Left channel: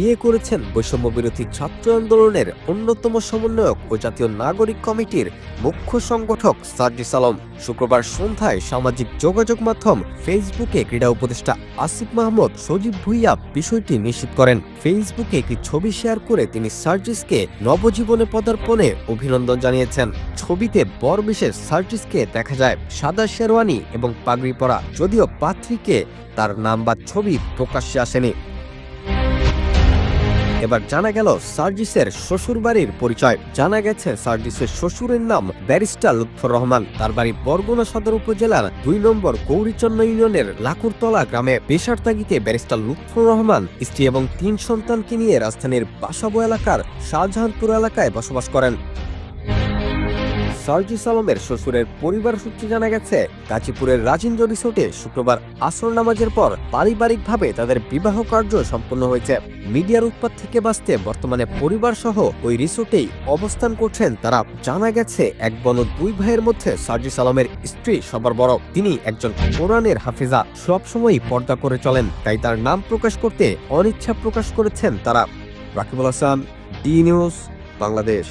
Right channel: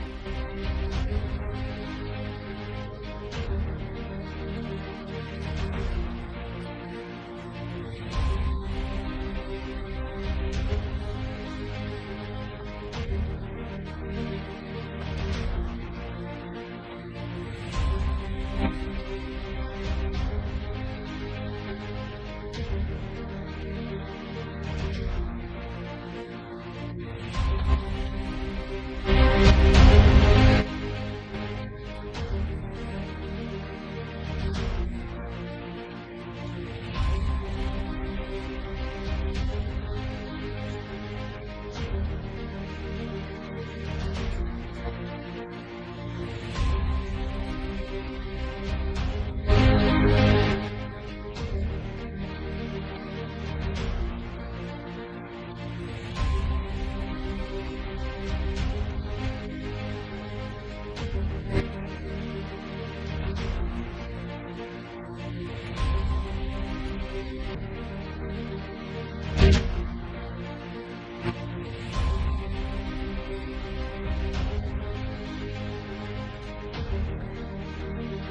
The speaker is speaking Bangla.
বিয়ে করেছেন বৈষম্য বিরোধী ছাত্র আন্দোলনের অন্যতম সমন্বয়ক ও জাতীয় নাগরিক কমিটির মুখ্য সংগঠক সার্জিস আলম। শুক্রবার সন্ধ্যায় সামাজিক যোগাযোগ মাধ্যম ফেসবুকে ক্রীড়া উপদেষ্টা আসিফ মাহমুদ, সজীব ভুইয়া বিষয়টি নিশ্চিত করেন। ফেসবুকে একটি ছবি শেয়ার করে তিনি সার্জিসকে নবজীবনে পদার্পণে অভিনন্দন জানিয়েছেন। ছবিতে বর বিশেষ সার্জিসকে দেখা যায় সাদা শেরওয়ানি এবং পাগড়ি পরা, যদিও পাত্রীকে তার নাম বা ছবি প্রকাশ্যে আসেনি। এবার জানা গেল সার্জিসের শ্বশুর বাড়ির পরিচয়। জানা গেছে সার্জিসের শ্বশুরের নাম ব্যারিস্টার লুৎফর রহমান। তার বাড়ি বরগুনা সদর উপজেলার দুই নম্বর গৌরীচন্ন ইউনিয়নের লাকুরতলা গ্রামে পেশার তাগিতে ব্যারিস্টার লুৎফর রহমান, স্ত্রী এবং তিন সন্তানকে নিয়ে রাজধানীর বাসাবো এলাকার শাহজাহানপুর এলাকায় বসবাস করেন। সার্জিস আলমের শ্বশুরের পরিবার সূত্রে জানা গেছে, গাজীপুরের রাজেন্দ্র রিসোর্টে শুক্রবার আসর নামাজের পর পারিবারিকভাবে তাদের বিবাহ কার্য সম্পন্ন হয়েছে। মিডিয়ার উৎপাত থেকে বাঁচতে বর্তমানে পরিবার সহ ওই রিসোর্টেই অবস্থান করছেন তারা। জানা গেছে, এক বন দুই ভাইয়ের মধ্যে সার্জিস আলমের স্ত্রী সবার বড়, তিনি একজন কোরআনের হাফিজা। সবসময়ই পর্দা করে চলেন, তাই তার নাম প্রকাশ করতে অনিচ্ছা প্রকাশ করেছেন তারা। Rakibul Hasan, D news, Bangladesh.